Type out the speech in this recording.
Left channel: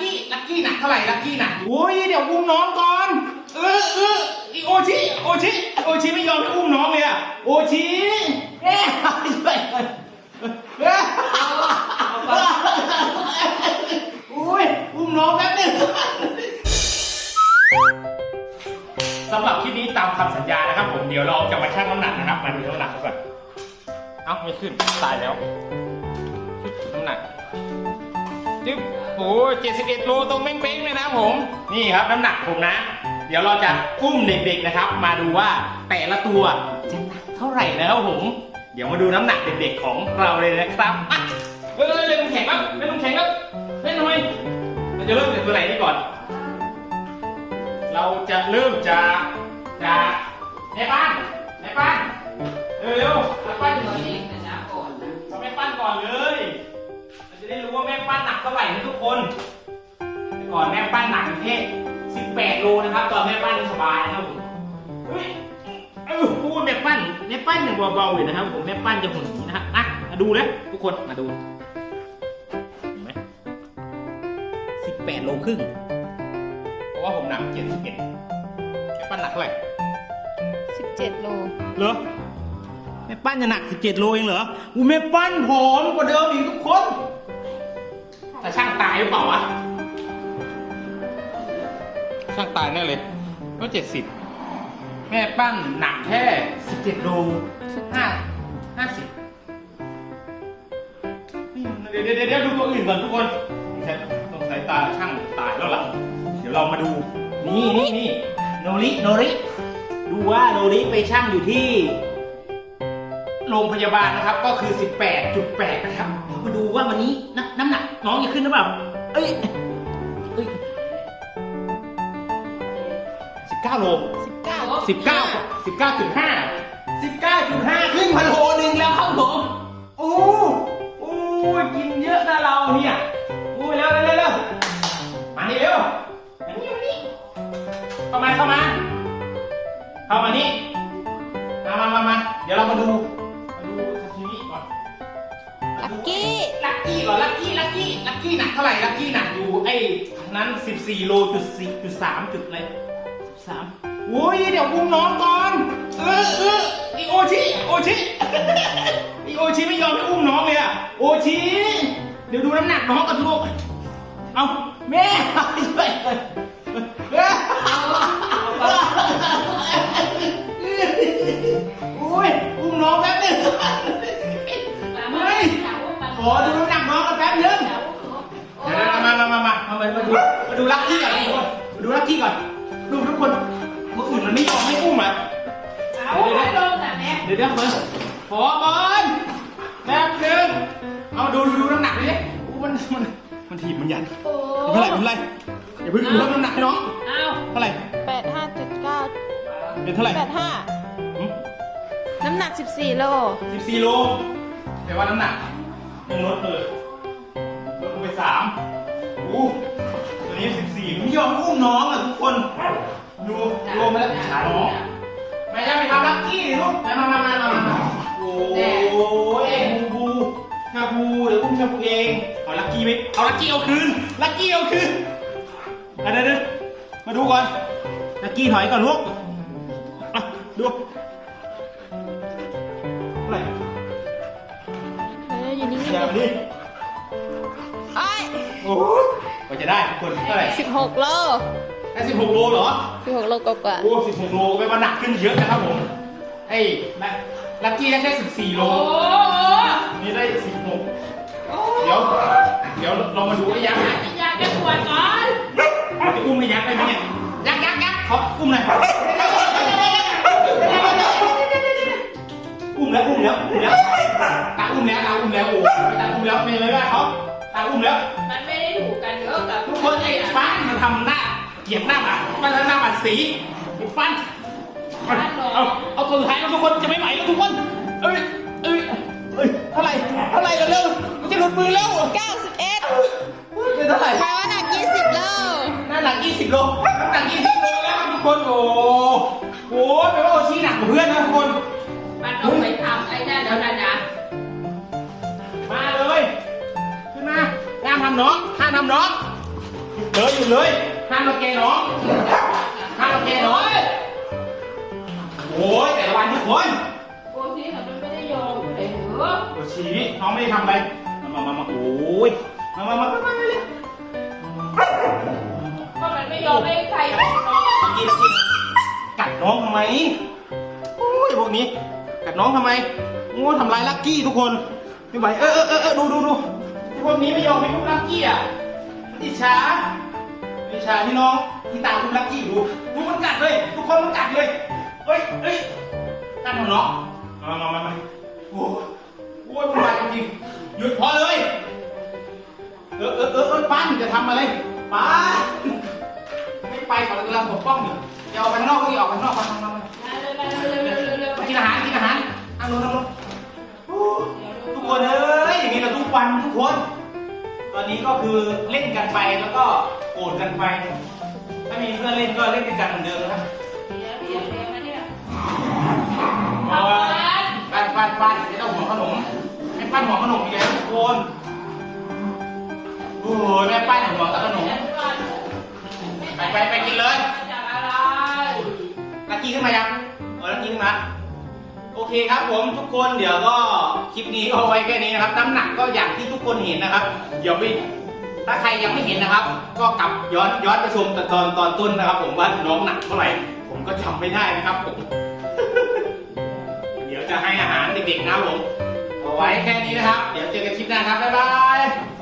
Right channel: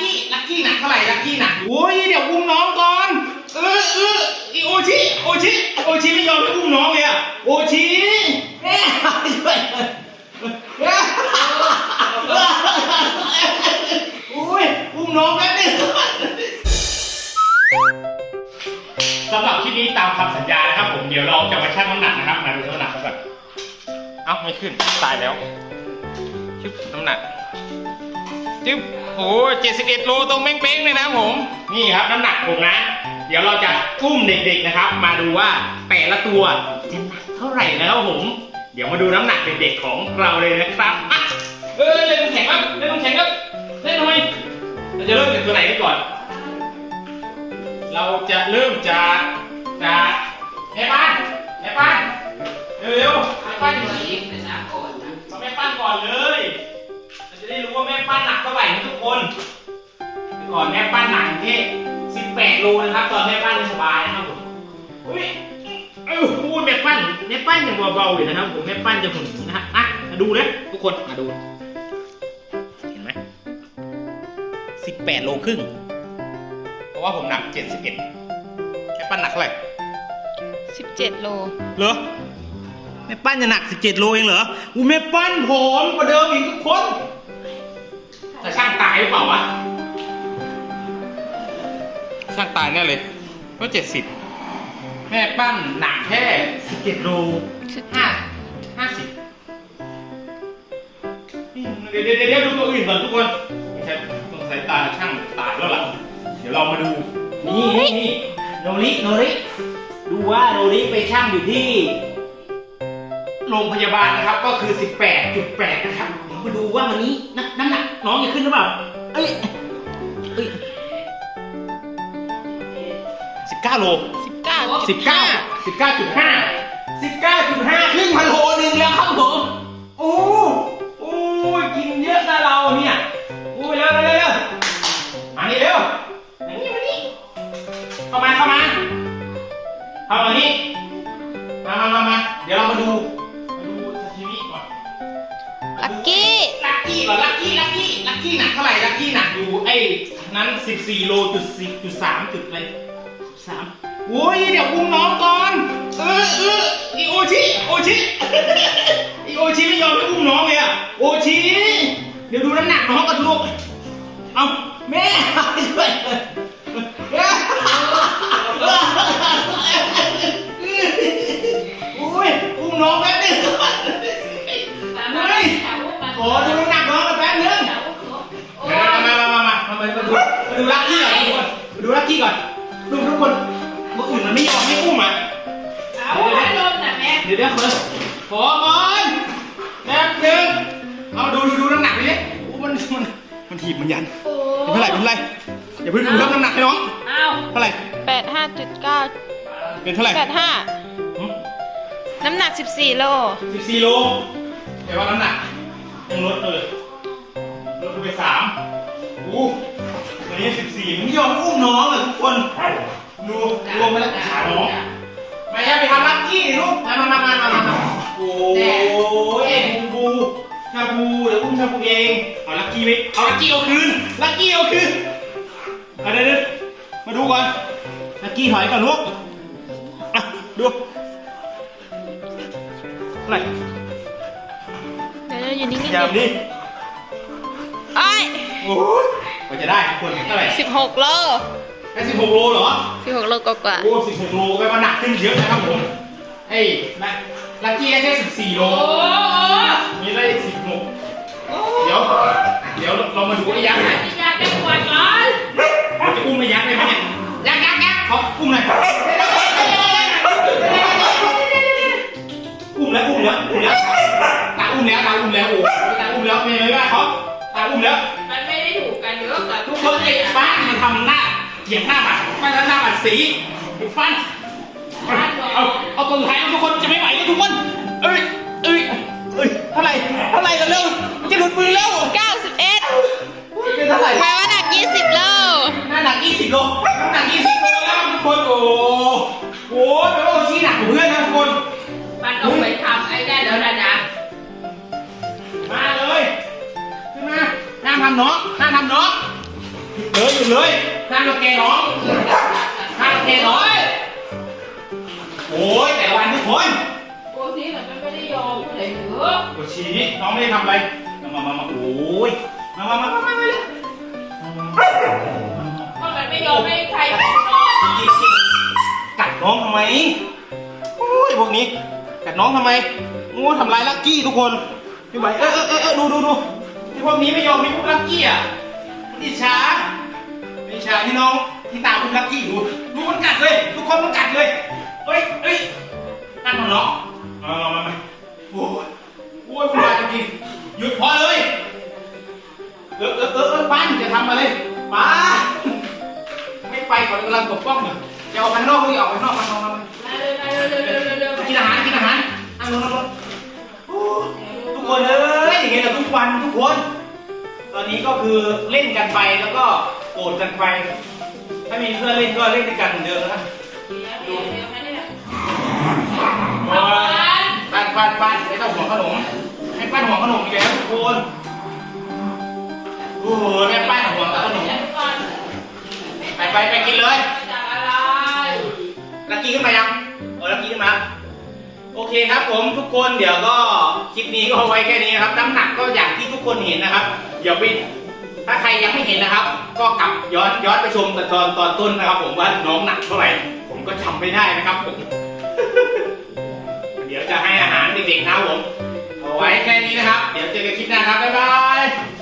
กี้ลักกี้หนักเท่าไหร่ลักกี้หนักโอ้ยเดี๋ยวอุ้มน้องก่อนเออเอออีโอชิโอชิโอชิไม่ยอมให้อุ้มน้องเลยอะโอชิแม่ช่วยแม่อุ้ยอุ้มน้องแป๊บนึงสำหรับคลิปนี้ตามคำสัญญานะครับ ผมเดี๋ยวเราจะมาชั่งน้ำหนักนะครับ มาดูน้ำหนักเขาก่อนเอ้าไม่ขึ้นตายแล้วชึบน้ำหนัก จึ๊บโอ้เจ็ดสิบเอ็ดโลตรงเป้งๆเลยนะผม นี่ครับน้ำหนักผมนะ เดี๋ยวเราจะอุ้มเด็กๆนะครับ มาดูว่าแต่ละตัวจะหนักเท่าไหร่นะครับผม เดี๋ยวมาดูน้ำหนักเด็กๆของเราเลยนะครับอะเออเล่นน้ำแข็งครับเล่นน้ำแข็งครับเล่นทำไมเราจะเริ่มจากตัวไหนดีก่อน เราจะเริ่มจากจากแม่บ้านแม่บ้านเร็วๆแม่บ้านอยู่ไหนเอาแม่ ว่าแม่ปั้นหนักเท่าไหร่นะทุกคนแต่ก่อนแม่ปั้นหนักแค่18โลนะครับ ตอนแม่ปั้นไม่สบายนะครับผมอุ้ยเออพูดแม่ปั้นแม่ปั้นยังเบาๆอยู่นะครับผมแม่ปั้นจะหุ่นนะฮะอะมาดูเลยทุกคนมาดู เห็นไหม18โลครึ่งเพราะว่าผมหนัก 71แม่ปั้นหนักเท่าไหร่17 โล เหรอแม่ปั้นจะหนัก 17 โลเองเหรออูแม่ปั้นผอมกว่าเดิมอีกทุกคน จะช่างตายหรือเปล่าวะ ช่างตายแน่เลยก็70แม่ปั้นหนักแค่17โลห้าห้าสิบเดี๋ยวเดี๋ยวเดี๋ยวดูตัวอื่นก่อนทุกคนต้องใช้ต้องใช้ตาช่างตายแล้วล่ะ เดี๋ยวเรามาดู นี่นี่นี่โนริโนริดูว่าโนริไปช่างอยู่ที่ โรงพยาบาลนะครับก็คือ 18.8 นะครับเดี๋ยวมาดูว่าวันนี้น้ำน้ำหนักน้องจะขึ้นหรือเปล่า เอ้ยเอ้ย19โล19 19 19.5 19.5 ครึ่งพันโลหนึ่งแล้วครับผม โอ้โอ้ยกินเยอะนะเราเนี่ยโอ้ย ก่อนลักกี้ลักกี้ลักกี้หนักเท่าไหร่ลักกี้หนักอยู่ไอ้นั้น14โลจุดสี่จุดสามจุดอะไรสามโอ้ยเดี๋ยวอุ้มน้องก่อนเออเอออีโอชิโอชิไอโอชิไม่ยอมให้อุ้มน้องเลยอะโอชิเดี๋ยวดูน้ำหนักน้องกันลูกเอาแม่ช่วยอุ้ยอุ้มน้องแป๊บนึงไม่ขอดู มามามามามาดูมาดูลักกี้ก่อนทุกคนมาดูลักกี้ก่อนดูทุกคนคนอื่นมันไม่ยอมให้อุ้มอะเดี๋ยวเดี๋ยวเดี๋ยวเดี๋ยวเดี๋ยวขอก่อนแป๊บนึงเอาดูดูดูน้ำหนักดิโอ้มันมันมันถีบมันยันเป็นเท่าไหร่เป็นเท่าไหร่อย่าเพิ่งเพิ่มน้ำหนักให้น้องเท่าไหร่85.9เป็นเท่าไหร่85น้ำหนัก 14 โล สิบสี่โลแต่ว่าน้ำหนักยังลดเลยลดลงไปสามโอ้อันนี้สิบสี่ไม่ยอมให้อุ้มน้องอะทุกคน ดูรวมไปแล้วขาน้องแม่ย่าไปทำลักกี้ดิลูกมามามามามามาโอ้ยเอ็บูบูชาบูเดี๋ยวอุ้มชาบูเอง เอาลักกี้ไหมเอาลักกี้เอาคืน ลักกี้เอาคืนเอาเดี๋ยวเดี๋ยวมาดูก่อน ลักกี้ถอยก่อนลูกอะดูเท่าไหร่เดี๋ยวอยู่นิ่งๆอย่าดิดิไอ้ย โอ้ยกว่าจะได้ทุกคนเท่าไหร่16โลได้สิบหกโลเหรอ16โลกว่าโอ้สิบหกโลแปลว่าหนักขึ้นเยอะนะครับผมไอ้ลักลักกี้ได้แค่สิบสี่โลนี่ได้สิบหกเดี๋ยว เดี๋ยวเรามาดูไอ้ยักษ์หน่อยเราจะอุ้มไอ้ยักษ์ได้ไหมเนี่ยยักษ์ยักษ์ยักษ์ขออุ้มหน่อยอุ้มแล้วอุ้มแล้วอุ้มแล้วตาอุ้มแล้วตาอุ้มแล้วโอ้ตาอุ้มแล้วเป็นไงบ้างเขาตาอุ้มแล้วมันไม่ได้ ถูกกันเยอะกับทุกคนไอ้ฟ้ามันทำหน้าเหยียบหน้าบัตรไม่ทำหน้าบัตรสีไอ้ฟันเอาเอาเอาตัวสุดท้ายแล้วทุกคนจะไม่ไหวแล้วทุกคนเอ้ยเอ้ยเอ้ยเท่าไหร่เท่าไหร่กันเร็วมันจะหลุดมือแล้วๆ91เป็นเท่าไหร่ แปลว่าหนัก 20 โลน้ำหนัก 20 โลน้ำหนัก 20 โลแล้วทุกคนโอ้โหแปลว่าโอชี้หนักกว่าเพื่อนนะทุกคน มันต้องไปทำไอ้แน่เดี๋ยวนะนะมาเลย ขึ้นมาห้ามทำน้องห้ามทำน้องอยู่เลยห้ามรังแกน้องห้ามรังแกน้องโอ้ยแต่ละวันทุกคนโอ้ซีน่ะมันไม่ได้ยอมเลยหรือโอ้ชี้น้องไม่ได้ทำอะไร มามามามาโอ้ยมามามามามาเลยก็มันไม่ยอมให้ใครเป็นน้องกินกินกัดน้องทำไมโอ้ยพวกนี้กัดน้องทำไมโอ้ยทำร้ายลักกี้ทุกคนไม่ไหวเออเออเออเออดูดูดู พวกนี้ไม่ยอมให้พวกลักกี้อะมันอิจฉาอิจฉาที่น้องที่ตามคุณลักกี้ดูดูมันกัดเลยทุกคนมันกัดเลยเฮ้ยเฮ้ยนั่นของน้องมามามามาโอ้ยโอ้ยมันมาจริงๆหยุดพอเลยเออเออเออเออป้านจะทำอะไรป้าไม่ไปก่อนกำลังปกป้องอยู่จะออกไปข้างนอกก็อย่าออกไปข้างนอกมาข้างนอกมาเร็วเร็วเร็วเร็วเร็วกินอาหารกินอาหารนั่งลงนั่งลง ทุกคน ตอนนี้ก็คือเล่นกันไปแล้วก็โกรธกันไป ถ้ามีเพื่อนเล่นก็เล่นด้วยกันเหมือนเดิมนะครับเดี๋ยวเดี๋ยวนะเนี่ยมาปั้นปั้นปั้นไม่ต้องห่วขนมไม่ปั้นห่วขนมอีกแล้วทุกคนโอ้ยแม่ปั้นห่วงแต่ขนมไปไปไปกินเลยจากอะไรลักกี้ขึ้นมายังเออลักกี้ขึ้นมาโอเคครับผมทุกคนเดี๋ยวก็ ลิปนี้ก็เอาไว้แค่นี้นะครับ น้ำหนักก็อย่างที่ทุกคนเห็นนะครับเดี๋ยวไปถ้าใครยังไม่เห็นนะครับ ก็กลับย้อนย้อนไปชมตอนตอนต้นนะครับ ผมว่าน้องหนักเท่าไหร่ ผมก็จำไม่ได้นะครับผมเดี๋ยวจะให้อาหารเด็กๆนะครับผมเอาไว้แค่นี้นะครับ เดี๋ยวเจอกันคลิปหน้าครับบ๊ายบาย